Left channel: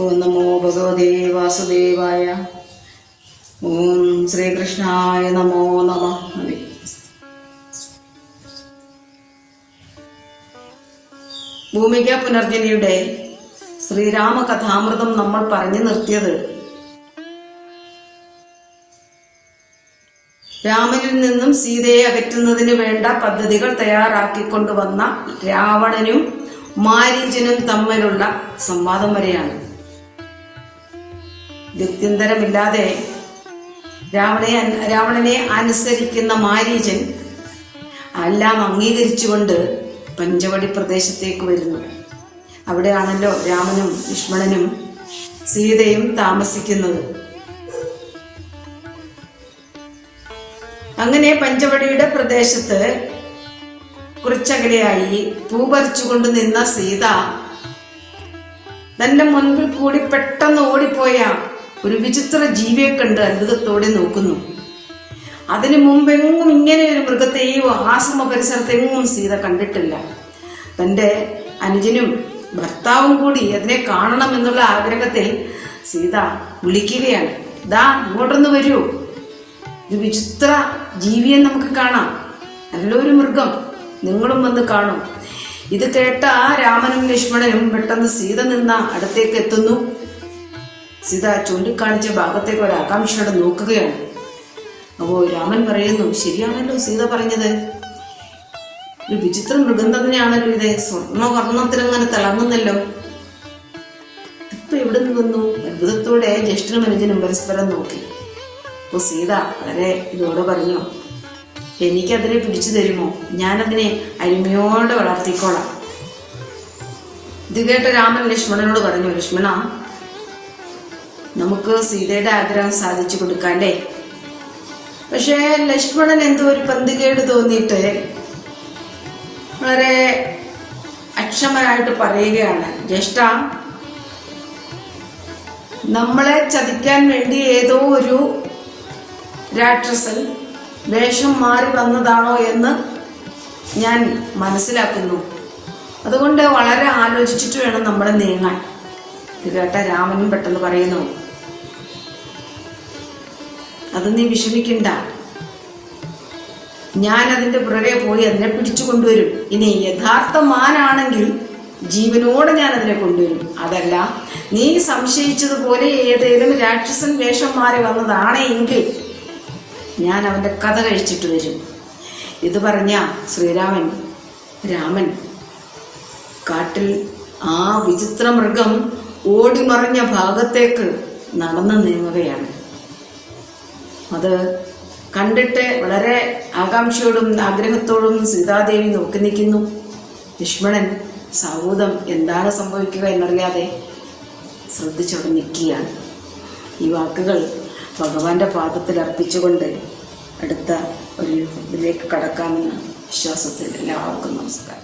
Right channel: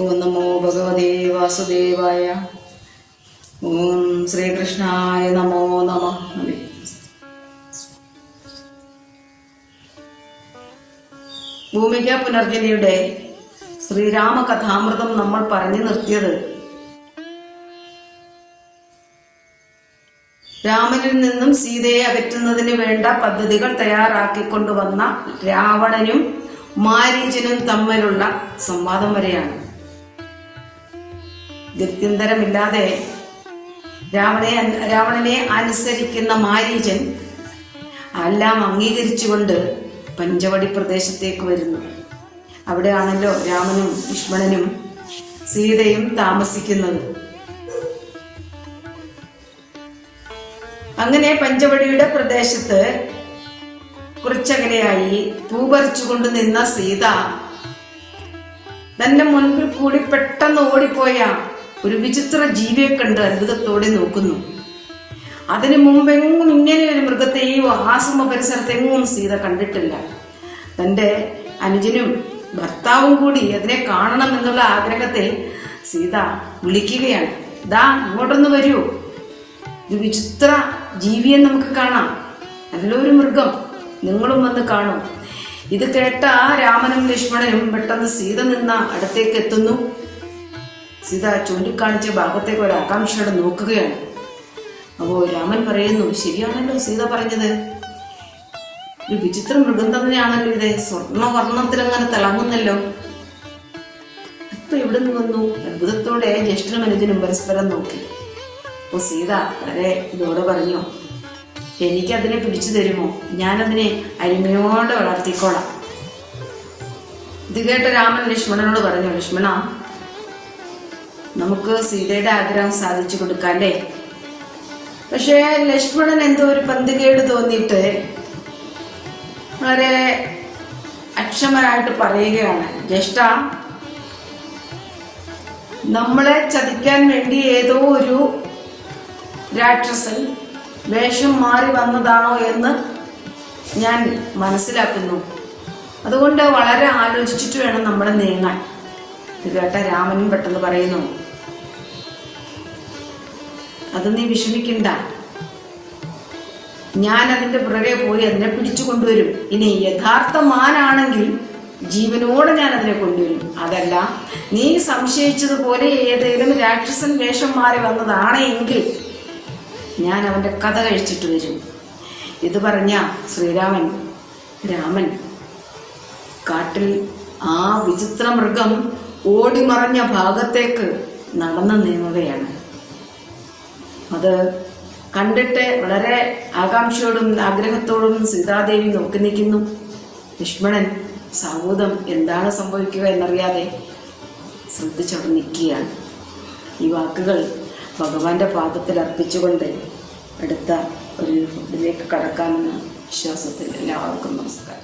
ഓം നമോ ഭഗവതേ വാസുദേവായ. ഓം ശ്രീകൃഷ്ണായ നമോ നമ. ഭൂമിക പുനർജനയുടെ ശ്രീരാമ കഥാമൃതം നമ്മൾ പറഞ്ഞു നിർത്തിയത്. രാമനിൽ നിന്നും സീതയെ അകറ്റുന്നതിന് വേണ്ട പദ്ധതികൾ തയ്യാറാക്കിക്കൊണ്ടുവന്ന രാവണനും മാരീചനും തമ്മിലുള്ള സംവാദം വരെയാണ്. ഗത്യന്തരമില്ലാതെ രാവണയെ രാവണനെ അനുസരിക്കുന്ന മാരീചൻ എല്ലാം അംഗീകരിച്ചുകൊണ്ട് പഞ്ചവടി പ്രദേശത്തേക്ക് വരുന്നു. അവിടെയാണല്ലോ രാമനും ലക്ഷ്മണനും സീതയും താമസിക്കുന്നത്. അങ്ങനെ പഞ്ചവടിയുടെ പ്രദേശത്ത് കുറച്ചകലെയായി പൂപറിച്ചുകൊണ്ട് നിന്ന സീത തന്റെ മുൻപിൽ കൂടി പെട്ടെന്ന് ഓടിപ്പോയ ഒരു വിചിത്ര ജീവിയെ കണ്ട് അത്ഭുതത്തോടെ നോക്കുന്നു. അതിനു മുമ്പെങ്ങും ഇങ്ങനെ ഒരു മൃഗത്തെ ഈ ആശ്രമ പരിസരത്തെങ്ങും സീത കണ്ടിട്ടില്ല. തന്റെ അനുജനും ഭർത്താവും കൂടി അതിനെ കാണണം എന്നുള്ള ആഗ്രഹത്തെ സീത വിളിക്കുകയാണ്. ദാ ഇങ്ങോട്ടൊന്ന് വരൂ. ഒരു വിചിത്ര ജീവിയെ നമുക്ക് കാണാം. നല്ലൊരു മൃഗം. നിങ്ങളും വന്ന് കാണൂ. ഇത് കേട്ട ആ രാമനും ലക്ഷ്മണനും പെട്ടെന്ന് സീത നിന്ന അടുത്തേക്ക് എത്തുന്നു. സീത ചൂണ്ടിക്കാണിച്ച ഭാഗത്തേക്ക് ഒരു ആകാംക്ഷയോടെ നോക്കുകയാണ്. അപ്പോ രാമൻ പറയുന്നു ശരിയാണല്ലോ സീത പറഞ്ഞത്. ഒരു വിചിത്ര മൃഗം തന്നെയാണല്ലോ ഇത്. സ്വർണവർണത്തിൽ അങ്ങനെ തിളങ്ങുന്നല്ലോ. ഇപ്പൊ എവിടെ നിന്ന് വന്നു? അത്ഭുതത്തോടെ ജ്യേഷ്ഠനും അനുജനും പരസ്പരം നോക്കി. അപ്പൊ സീത വളരെ ഇതോടെ പറഞ്ഞു എനിക്കതിനെ പിടിച്ചു തരുമോ? ഞാനതിനെ അരിമയോടെ വളർത്തിക്കോളാം. ഇത് കേട്ട രാമൻ ലക്ഷ്മണനോട് പറഞ്ഞു ലക്ഷ്മണ നമുക്ക് സീതയുടെ ആഗ്രഹം സാധിച്ചു കൊടുക്കാം അല്ലേ പക്ഷേ ലക്ഷ്മണൻ എന്തോ ഒരു പന്തികേട് തോന്നിയിട്ട് വളരെ അക്ഷമനായിട്ട് പറയുകയാണ്. ജ്യേഷ്ഠ നമ്മളെ ചതിക്കാൻ വേണ്ടി ഏതോ ഒരു രാക്ഷസൻ വേഷം മാറി വന്നതാണോ എന്ന് ഞാൻ മനസ്സിലാക്കുന്നു. അതുകൊണ്ട് വളരെ ആലോചിച്ചിട്ട് വേണം നമ്മൾ നീങ്ങാൻ ഇത് കേട്ട രാമനും പെട്ടെന്ന് പറയുന്നു അത് നീ വിഷമിക്കണ്ട. ഞാൻ അതിന്റെ പുറകെ പോയി അതിനെ പിടിച്ചു കൊണ്ടുവരും. ഇനി യഥാർത്ഥ മാനാണെങ്കിൽ ജീവനോട് ഞാൻ അതിനെ കൊണ്ടുവരും. അതല്ല നീ സംശയിച്ചതുപോലെ ഏതേലും രാക്ഷസൻ വേഷം മാറി വന്നതാണ് ഞാൻ അവന്റെ കഥ കഴിച്ചിട്ട് വരും. ഇത് പറഞ്ഞ ശ്രീരാമൻ രാമൻ കാട്ടിൽ ആ വിചിത്ര മൃഗം ഓടിമറഞ്ഞ ഭാഗത്തേക്ക് നടന്നു നീങ്ങുകയാണ്. അത് കണ്ടിട്ട് വളരെ ആകാംക്ഷയോടും ആഗ്രഹത്തോടും സീതാദേവി നോക്കി നിൽക്കുന്നു. ലക്ഷ്മണൻ സൗദം എന്താണ് സംഭവിക്കുക എന്നറിയാതെ ശ്രദ്ധിച്ചവിടെ നിൽക്കുകയാണ്. ഈ വാക്കുകൾ ഭഗവാന്റെ പാദത്തിൽ അർപ്പിച്ചുകൊണ്ട് അടുത്ത ഒരു ഇതിലേക്ക് കടക്കാമെന്ന് വിശ്വാസത്തിൽ എല്ലാവർക്കും നമസ്കാരം.